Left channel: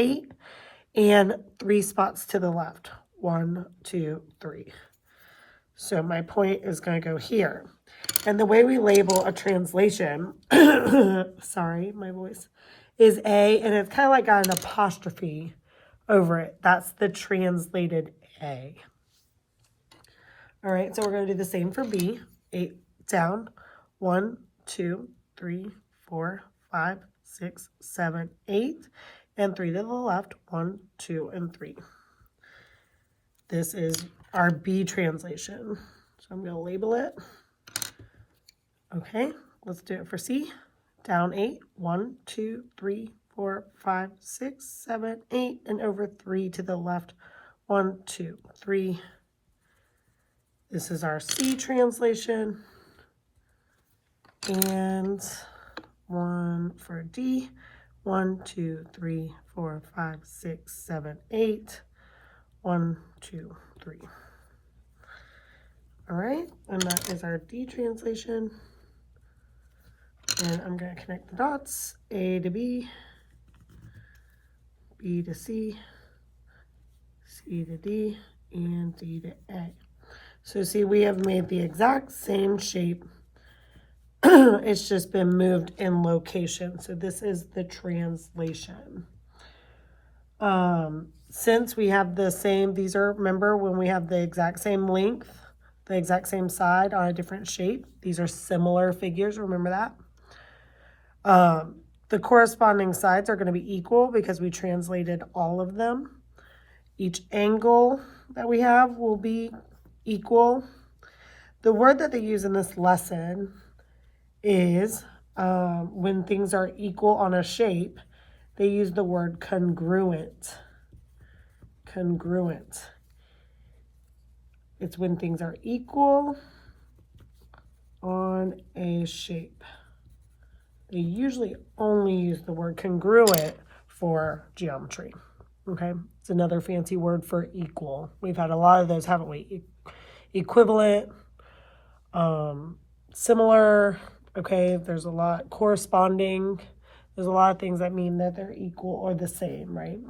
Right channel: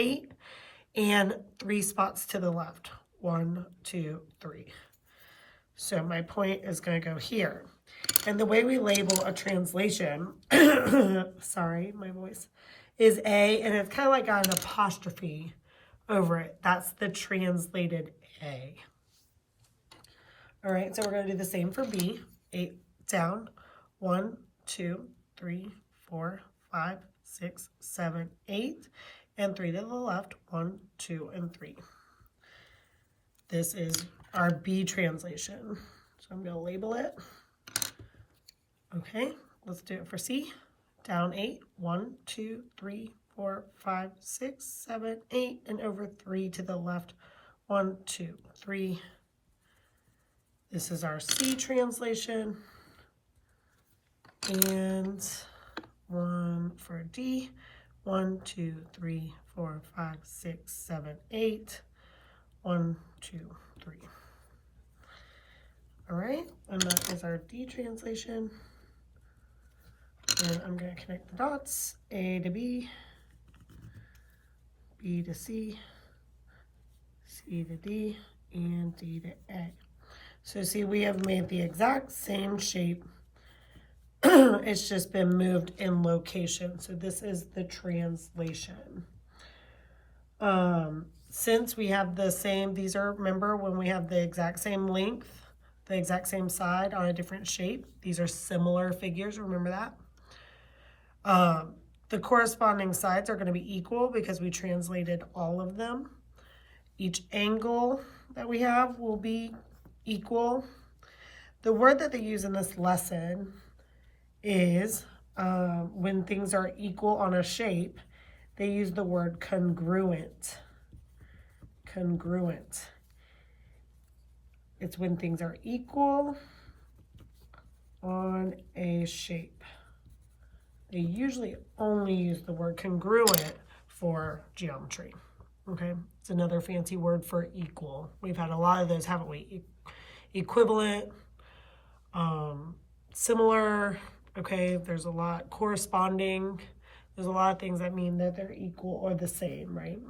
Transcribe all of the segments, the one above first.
8 and 3 spots to the left. 1, 2, 3. So my point is going to go here. And the way we label a translation, sorry, my voice, is A, and it's kind of like got an apostrophe over it. That's the translated A. All right, so we're going to do the same for B. 8 down. 1, 2, 3, 4, 5, 6, 7, 8. And 3 to the left. 1, 2, and 3. This is our B translation. So I'm going to label it. Okay, let's do it for C. Down 8. 1, 2, 3, 4, 5, 6, 7, 8. And over 3 to the left. 1, 2, 3. This is our C translation. And 1 for D. 1, 2, 3, 4, 5, 6, 7, 8. 1, 2, 3. All right, and that is our D translation. And I'm going to connect the dots. A to B, B to C, C to D, and D to A. So see, we have made the exact same shape. It's just been moved in location. So this is the translation. Since we have the same, these are, remember when we have the exact same length, the exact same side on a different shape, these are similar figures, remember that? The corresponding sides are going to be equal because we translated all of them. Each angle that we have will be equal. The word that they use in this lesson is when things are equal on a shape, they use the word congruent. Congruent. It's when things are equal on a shape. They usually only use the word congruent for geometry. Okay, it's another fancy word for equal. We've had a lot of those, haven't we? Equivalent, similar, okay, there's a lot, corresponding, there's a lot of things that mean that they're equal or the same, right?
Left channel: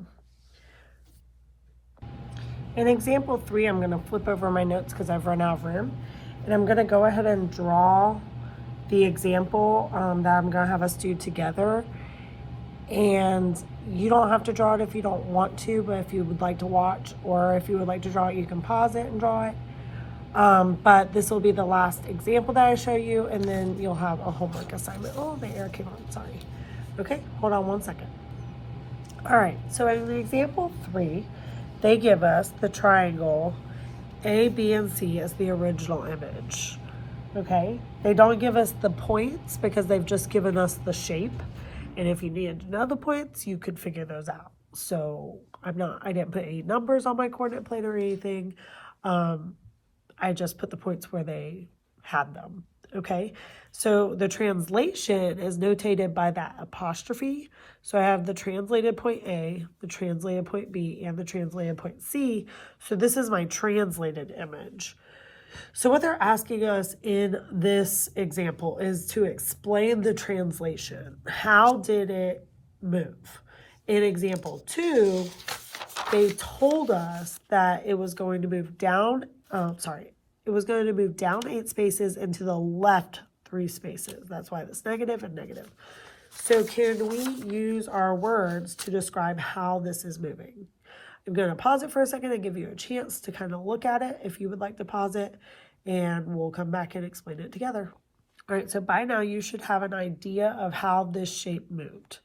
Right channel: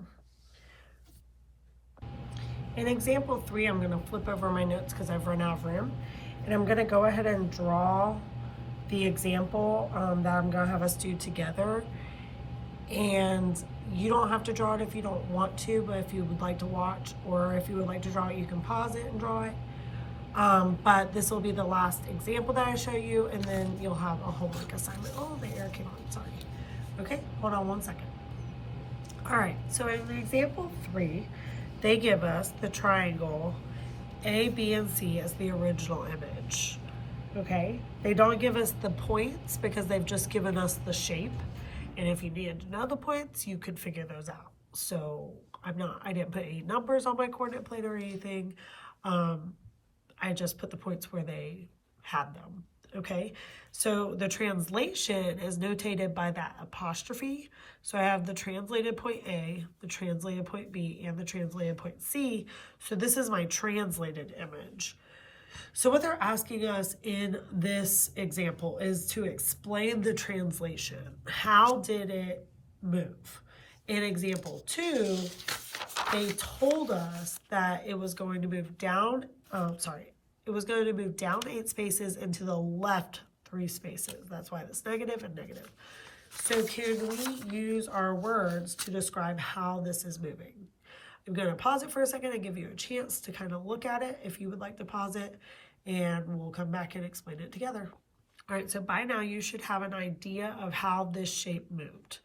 In example 3, I'm going to flip over my notes because I've run out of room, and I'm going to go ahead and draw the example that I'm going to have us do together. And you don't have to draw it if you don't want to, but if you would like to watch, or if you would like to draw it, you can pause it and draw it. But this will be the last example that I show you, and then you'll have a homework assignment. Oh, my air came on, sorry. Okay, hold on one second. All right, so in example 3, they give us the triangle A, B, and C as the original image. Okay, they don't give us the points because they've just given us the shape. And if you needed to know the points, you could figure those out. So I didn't put any numbers on my coordinate plane or anything. I just put the points where they had them. Okay, so the translation is notated by that apostrophe. So I have the translated point A, the translated point B, and the translated point C. So this is my translated image. So what they're asking us in this example is to explain the translation. How did it move? In example 2, they told us that it was going to move down, it was going to move down 8 spaces and to the left 3 spaces. That's why it's negative and negative. So can we use our words to describe how this is moving? I'm going to pause it for a second and give you a chance to kind of look at it if you would like to pause it, and we'll come back and explain it together. All right, so by now you should have an idea of how this shape moved.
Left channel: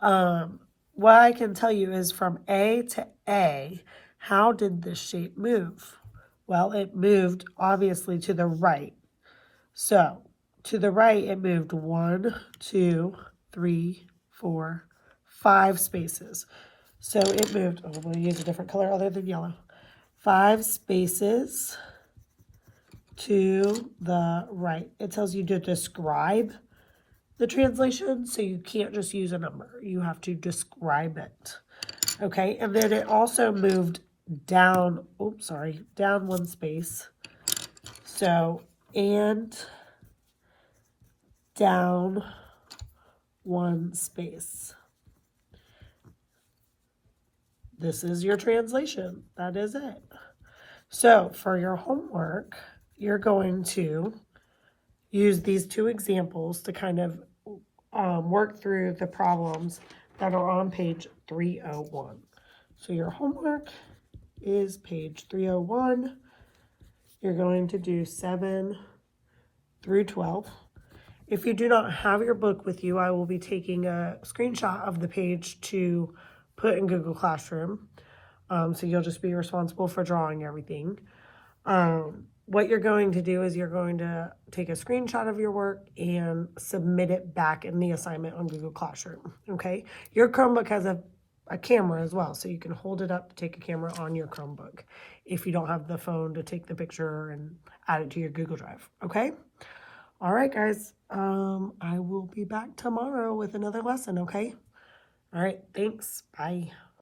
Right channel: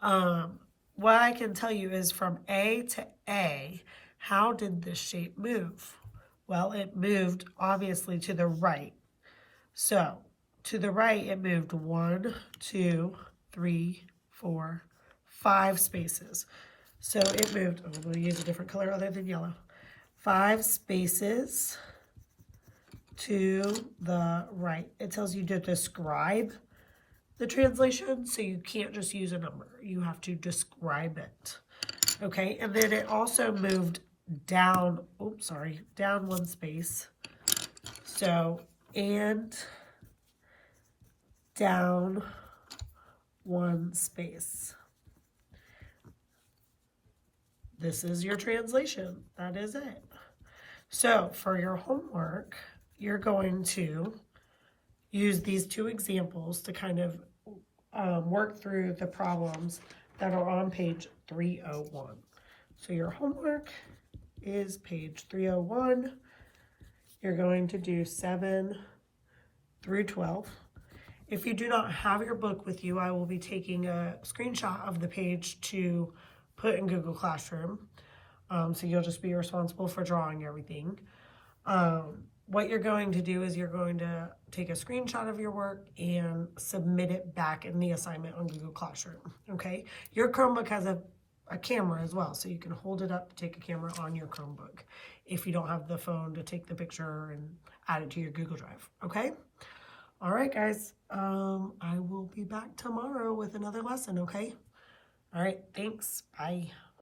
What I can tell you is from A to A, how did this shape move? Well, it moved obviously to the right. So to the right, it moved 1, 2, 3, 4, 5 spaces. So it moved, I'm going to use a different color other than yellow, 5 spaces to the right. It tells you to describe the translation, so you can't just use a number. You have to describe it. Okay, and then it also moved down, down 1 space. So, and down 1 space. this is your translation. That is it. So for your homework, you're going to use these two examples to kind of work through the problems that are on page 301. So your homework is page 301. You're going to do 7 through 12. If you do not have your book with you, I will be taking a screenshot of the page to put in Google Classroom. So you'll just be responsible for drawing everything. What you're going to do is you're going to take a screenshot of your work and submit it back in the assignment on Google Classroom, okay? Your Chromebook has a camera as well, so you can hold it up to take a camera on your Chromebook if you don't have the phone to take the picture and add it to your Google Drive, okay? All right, guys, I will be back tomorrow with another lesson, okay? All right, thanks, bye.